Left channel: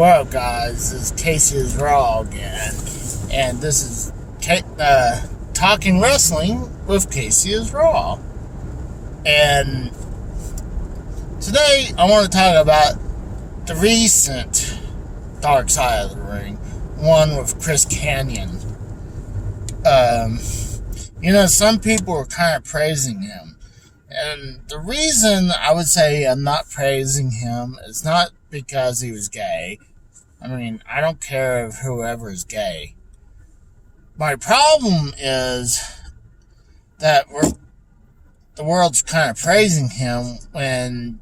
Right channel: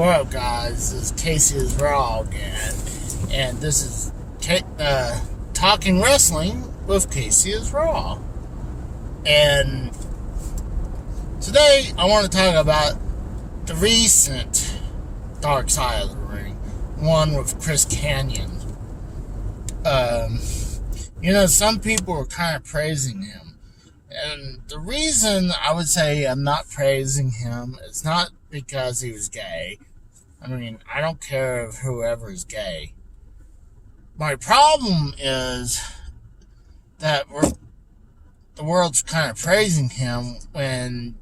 Well, guys, this is Casey is Raw again, and this is Talking Wrestling with Casey is Raw. And today I want to talk about the recent Dark Side of the Ring, one with Chris Kanyon. Some people were kind of praising him. And the reason I would say I'm not praising him is not because he was gay. I mean, I don't care if whoever is gay. My problem is that the world's kind of praising him when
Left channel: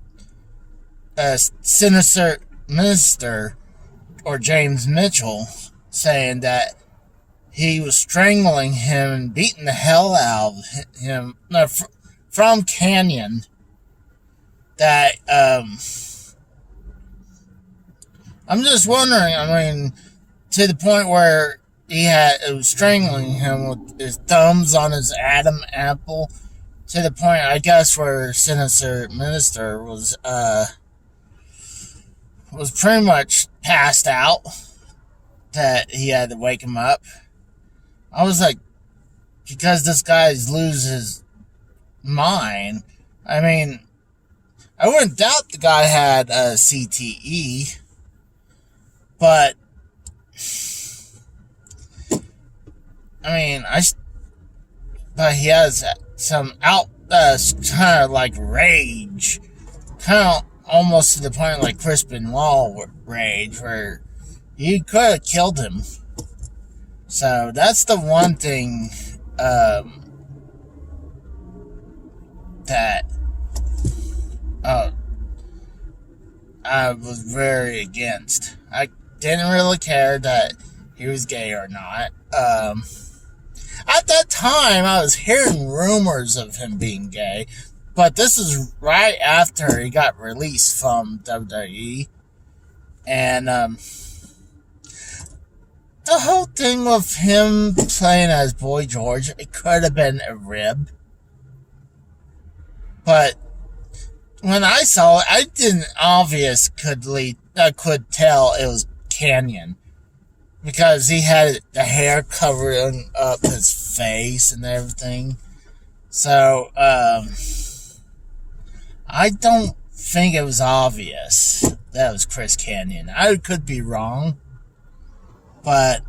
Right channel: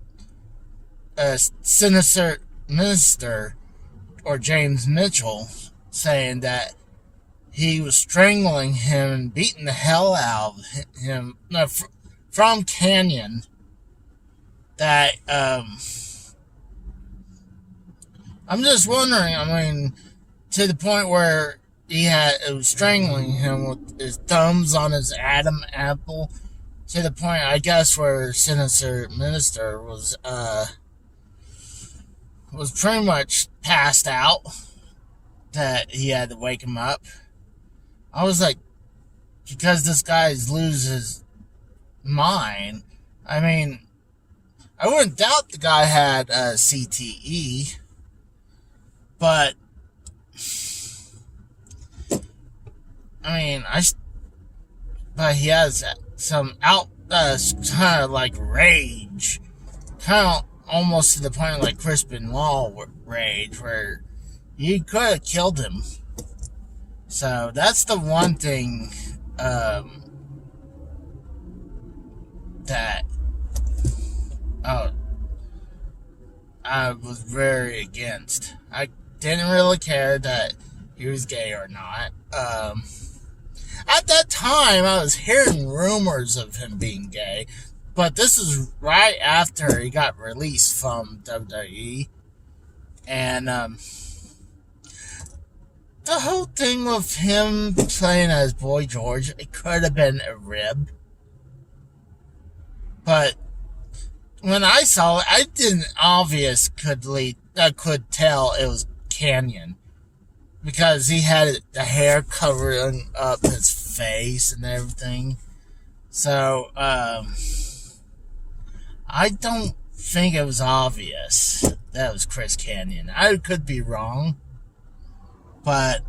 a sinister minister or James Mitchell saying that he was strangling him and beating the hell out of him from Kanyon. That I'm just wondering, to the point where it was strangling him with his thumbs on his Adam apple, to the point, I guess, where Sinister Minister was pretty much passed out, that he had to wake him up. I was like, because this guy's losing his mind. I mean, I wouldn't doubt the guy had a CTE, but but he has some kind of like rage, kind of almost to the point like Chris Benoit rage, where you could have killed him. So that's the one thing that I was very against. I didn't really care that he was gay or not. At that time, I was hearing rumors of him being gay, but this is right after he got released from WWE. And the whole thing with him playing as Boy George, it could have been a rib. But when I saw it, I didn't could tell it was Kanyon, because he had the hair covering up his face and everything. So I don't think it was obvious that it was Chris Kanyon. I could be wrong, but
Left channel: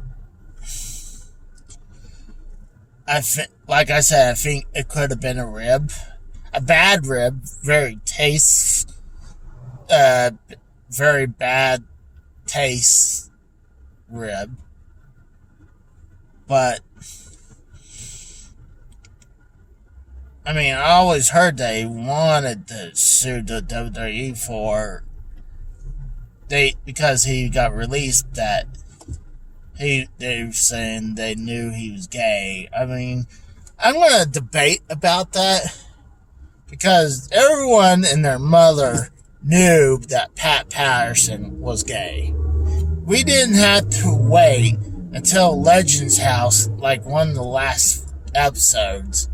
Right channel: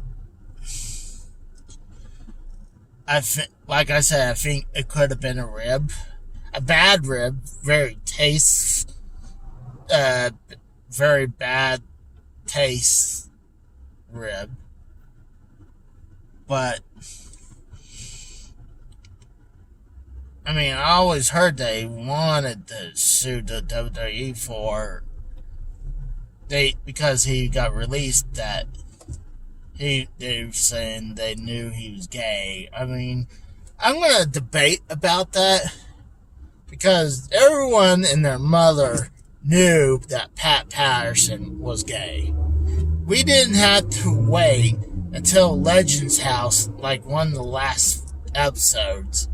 like I said, I think it could have been a rib. A bad rib, very bad taste rib. But I always heard they wanted to sue the WWE because he got released, that they were saying they knew he was gay. I'm gonna debate about that, because everyone and their mother knew that Pat Patterson was gay. We didn't have to wait until Legends House, like one of the last episodes,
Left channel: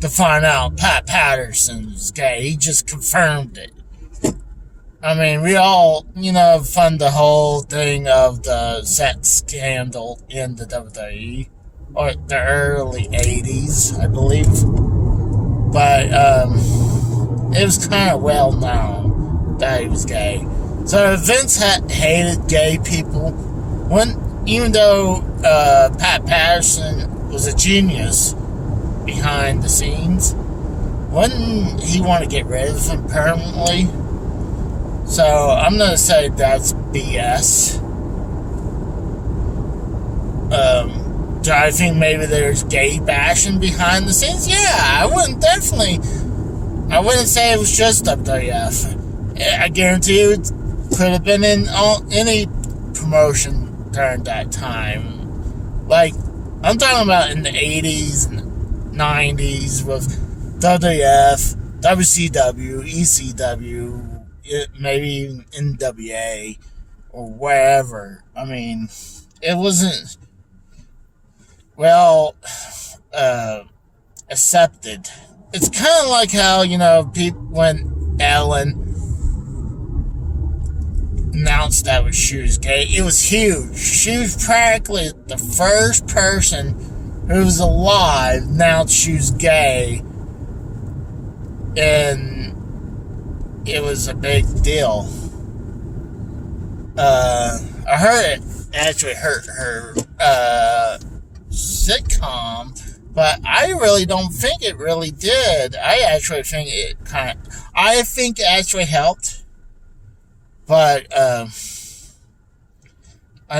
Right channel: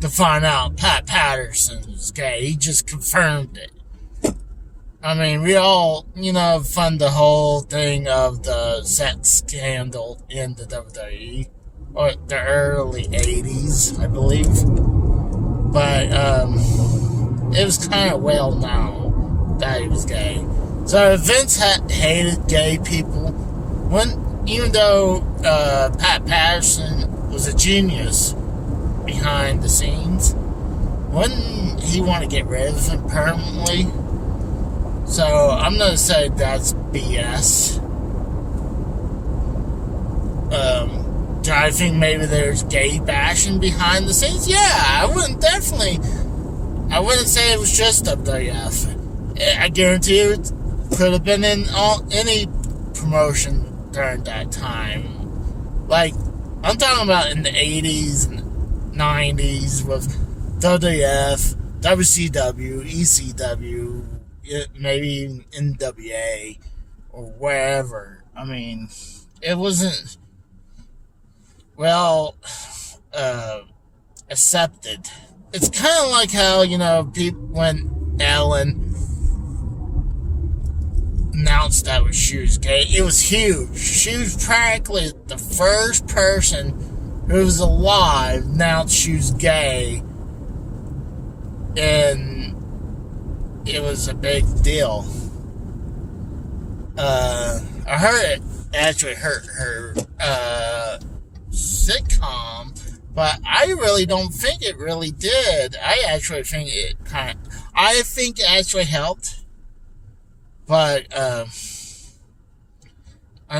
to find out Pat Patterson was gay. He just confirmed it. We all, fund the whole thing of the sex scandal in the WWE, or the early 80s, I believe. But it was kind of well known that he was gay. So Vince hated gay people. Even though Pat Patterson was a genius behind the scenes, wouldn't he want to get rid of him permanently? So I'm going to say that's BS. Do I think maybe there's gay bashing behind the scenes? Yeah, I wouldn't say it was just WWF. I guarantee you it could have been in any promotion during that time. Like, I'm talking about in the 80s and 90s with WWF, WCW, ECW, maybe even NWA, or wherever. It wasn't accepted. It's kind of like how, people, when Ellen announced that she was gay. It was huge. She was practically the first person who was alive announced she was gay, and it was a big deal. I heard it actually hurt her sitcom, but I really don't think it really did. I actually think it actually helped. But I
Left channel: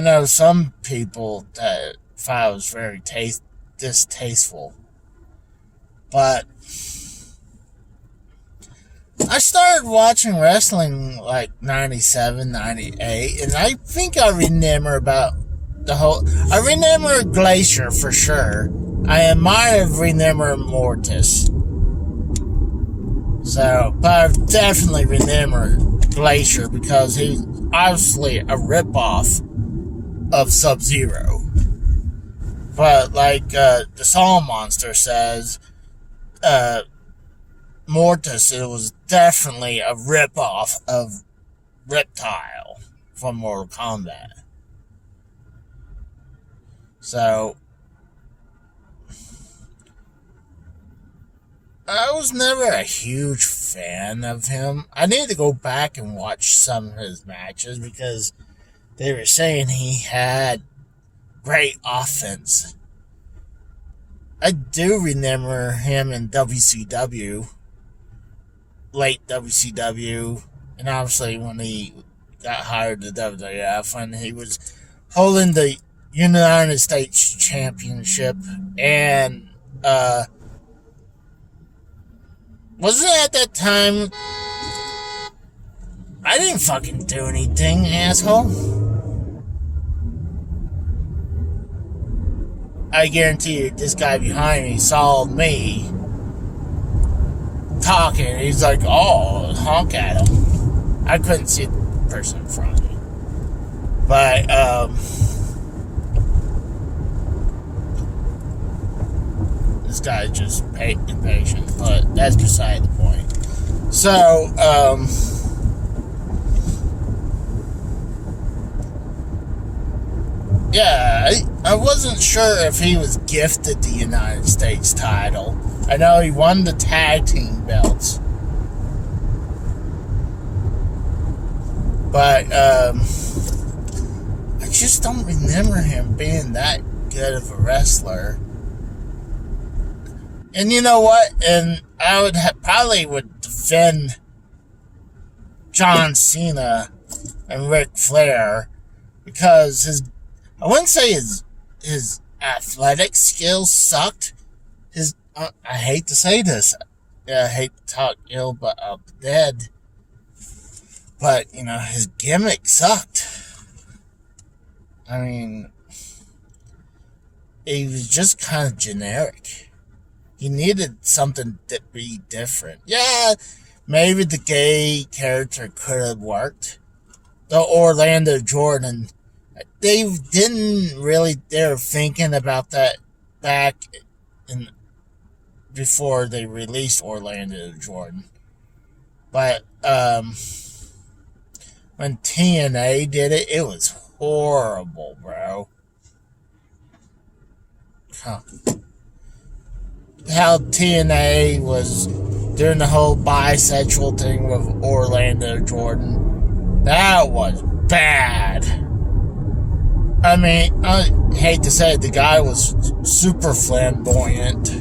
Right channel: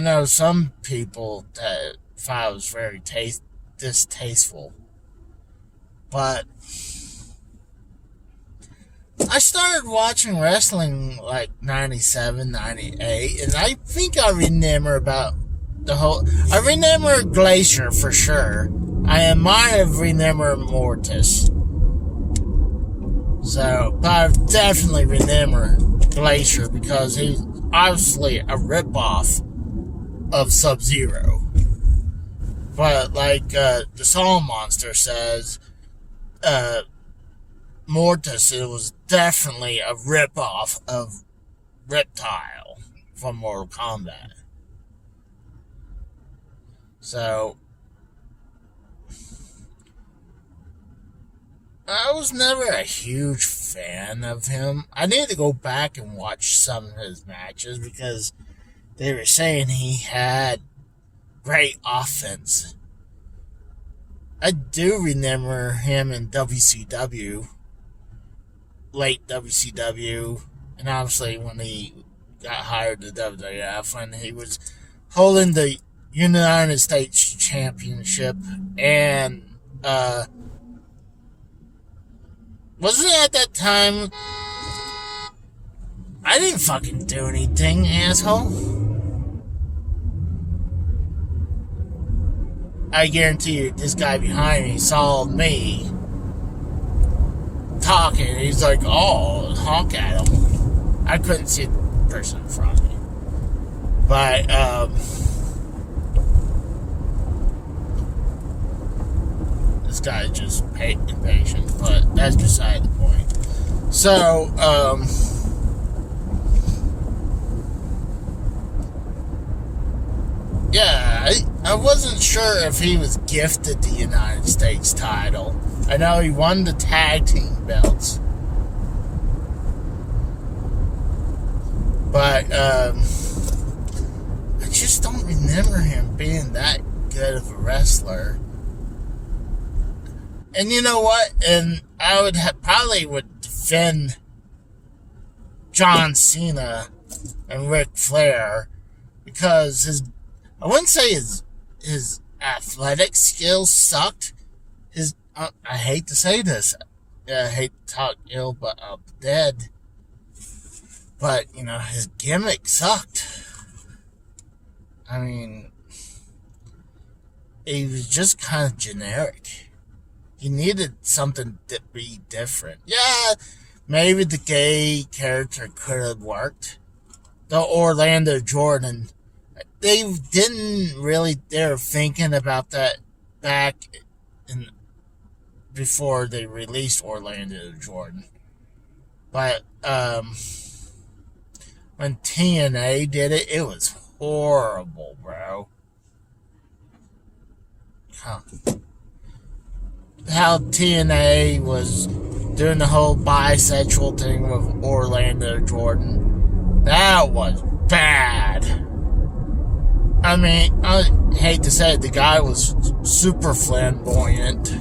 know some people that thought it was very distasteful. But I started watching wrestling like 97, 98, and I think I remember about I remember Glacier for sure. I might have remembered Mortis. So, but I definitely remember Glacier because he's obviously a ripoff of Sub-Zero. But like the Song Monster says, Mortis, it was definitely a ripoff of Reptile from Mortal Kombat. So, I was never a huge fan of him. I need to go back and watch some of his matches because they were saying he had great offense. I do remember him in WCW, late WCW, and obviously when he got hired to WWF, and he was holding the United States Championship, and wasn't it at that time? I didn't fucking do anything, asshole. I guarantee you, this guy behind me saw me talking. He's like, oh, honk at him. I couldn't see the person in front of me. But, this guy's just impatient, but that's beside the point. So, yeah, I wasn't sure if he was gifted the United States title. I know he won the tag team belts. But, I just don't remember him being that good of a wrestler. And you know what? And I would probably would defend John Cena and Ric Flair because I wouldn't say his athletic skills sucked. I hate to say this. I hate to talk ill but of the dead. But, his gimmick sucked. I mean, he was just kind of generic. He needed something to be different. Yeah, maybe the gay character could have worked. The Orlando Jordan, they were thinking about that back before they released Orlando Jordan. But, when TNA did it, it was horrible, bro. Huh. How TNA was doing the whole bisexual thing with Orlando Jordan. That was bad. I mean, I hate to say it, the guy was super flamboyant,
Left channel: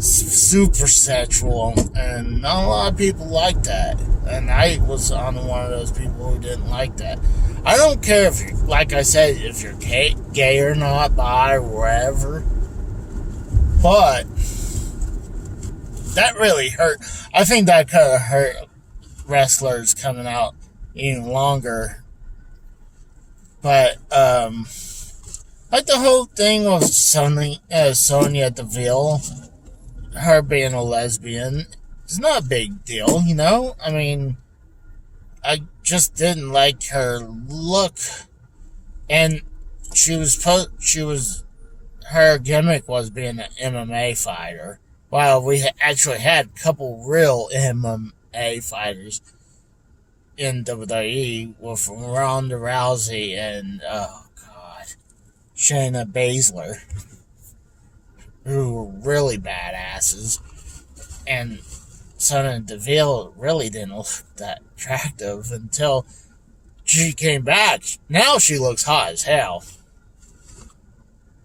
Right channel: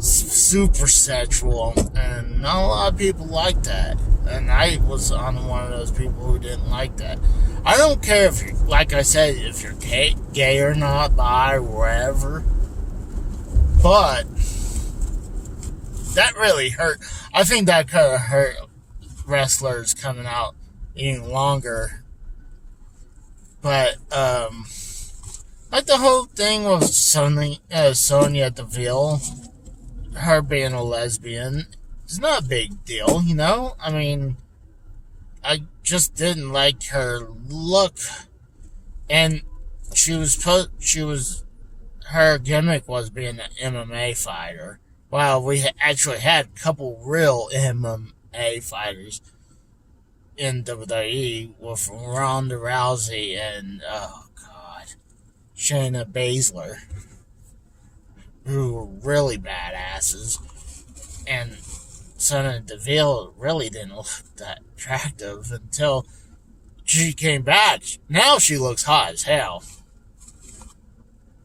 super sexual, and not a lot of people like that. And I was on one of those people who didn't like that. I don't care if you're, like I said, if you're gay or not, bi, or whatever. But that really hurt. I think that could have hurt wrestlers coming out even longer. But, like the whole thing with Sonya Deville, her being a lesbian, it's not a big deal, I mean, I just didn't like her look. And her gimmick was being an MMA fighter. While we actually had a couple real MMA fighters in WWE with Ronda Rousey and, oh god, Shayna Baszler, who were really badasses. And Sonya Deville really didn't look that attractive until she came back. Now she looks hot as hell.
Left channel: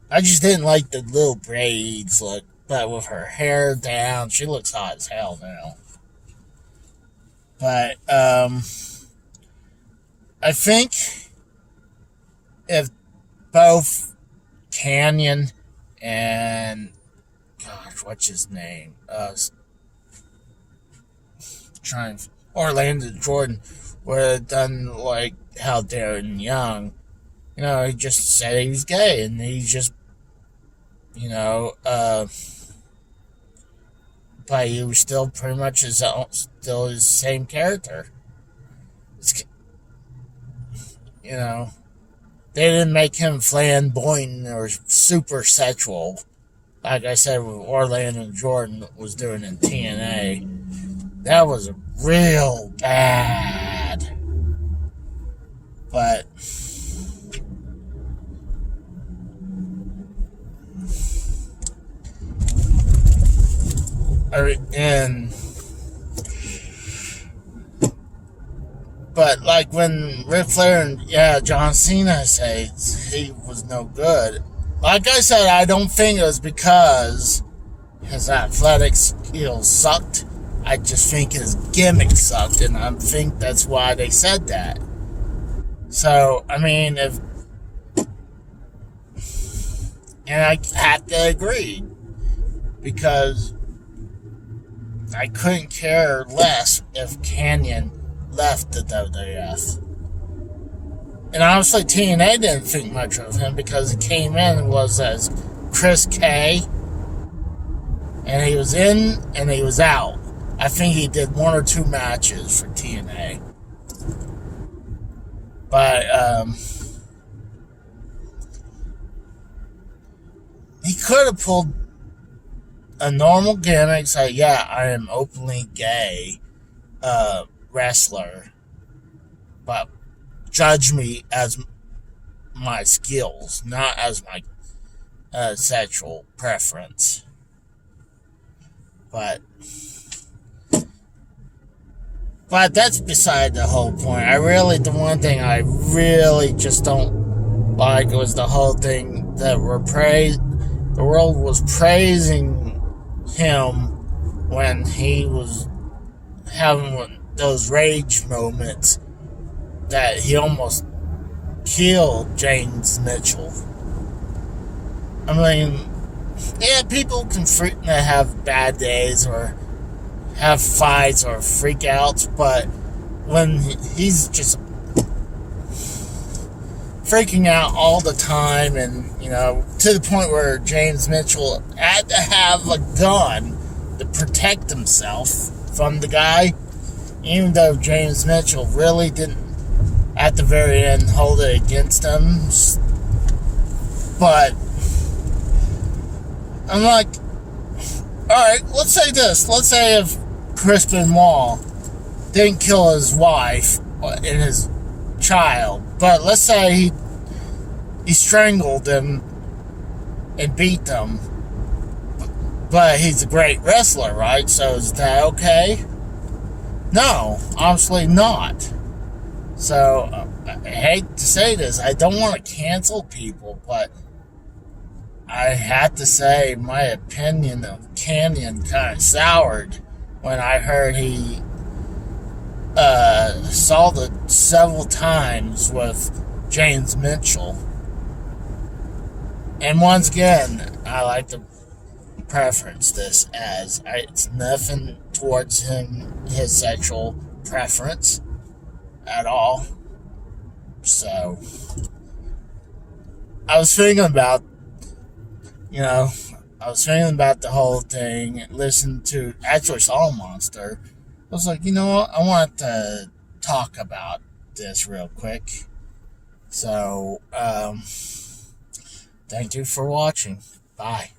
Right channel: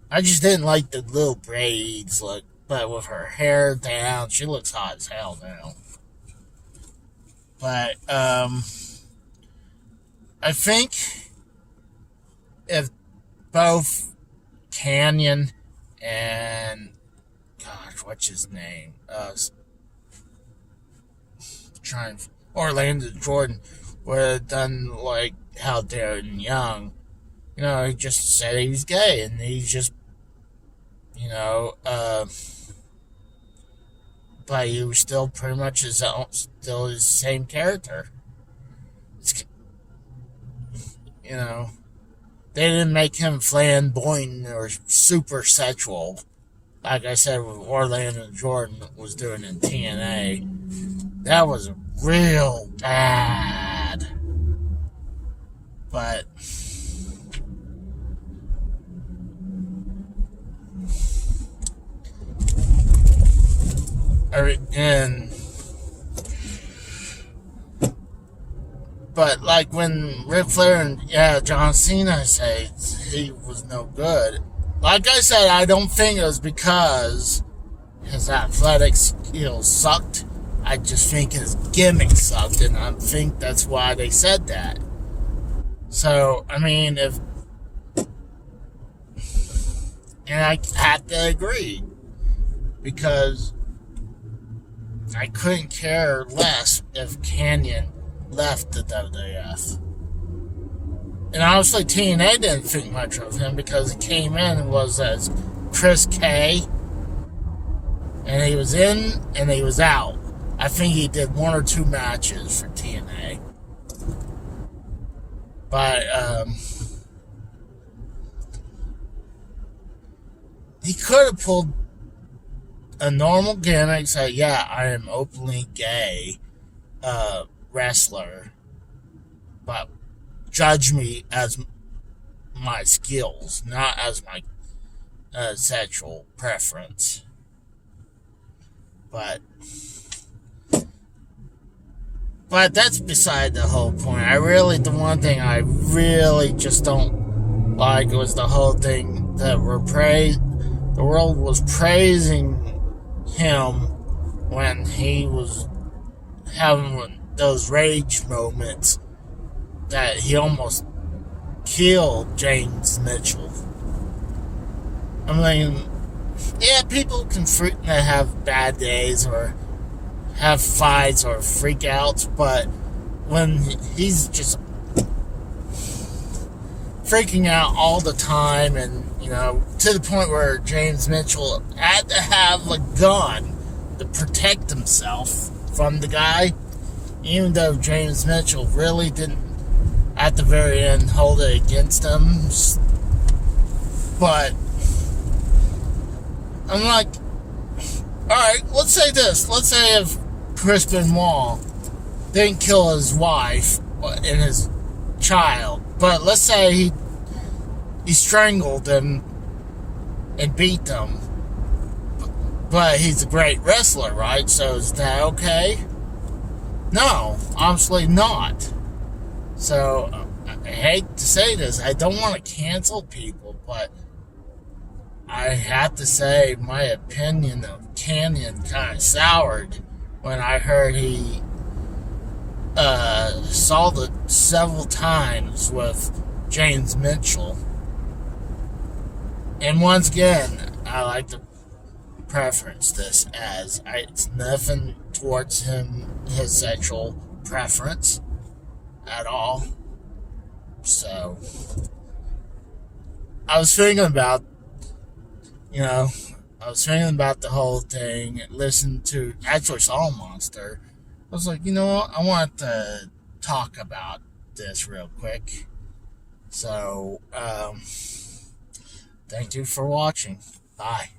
I just didn't like the little braids look, but with her hair down, she looks hot as hell now. But, I think if both Kanyon and, gosh, what's his name? Orlando Jordan would have done like how Darren Young, he just said he was gay, and he just, but he was still pretty much still his same character. They didn't make him flamboyant or super sexual, like I said, what Orlando Jordan was doing in TNA. That was real bad. But like when Ric Flair and John Cena say he was no good, like I said, I don't think it was because his athletic skills sucked. I just think his gimmick sucked, and I think that's why they said that. So, I mean, and I have to agree, because I couldn't care less if Kanyon left the WWF. And honestly, TNA didn't think much of him because he came in and was as Chris K. And he was in and he was out. I think he did 1 or 2 matches for TNA. But, he could have pulled a normal gimmick, say, yeah, I am openly gay, wrestler, but judge me as my skills, not as my sexual preference. But that's beside the whole point. The one thing I really just don't like was the whole thing that the world was praising him when he was having those rage moments that he almost killed James Mitchell. I mean, yeah, people can have bad days or have fights or freakouts, but when he's just freaking out all the time, and to the point where James Mitchell had to have a gun to protect himself from the guy, even though James Mitchell really didn't at the very end hold it against him. But I'm like, alright, let's say this. Let's say if Chris Benoit didn't kill his wife and his child, but let's say he strangled them and beat them, but he's a great wrestler, right? So is that okay? No, obviously not. So I hate to say this, I don't want to cancel people, but I have to say my opinion of Kanyon kind of soured when I heard he assaulted several times with James Mitchell. And once again, I like to preference this as it's nothing towards his sexual preference at all. So I was thinking about the whole thing, listened to, actually saw Monster. I was like, what? I want to talk about this real quick. So, thank you for watching. Bye.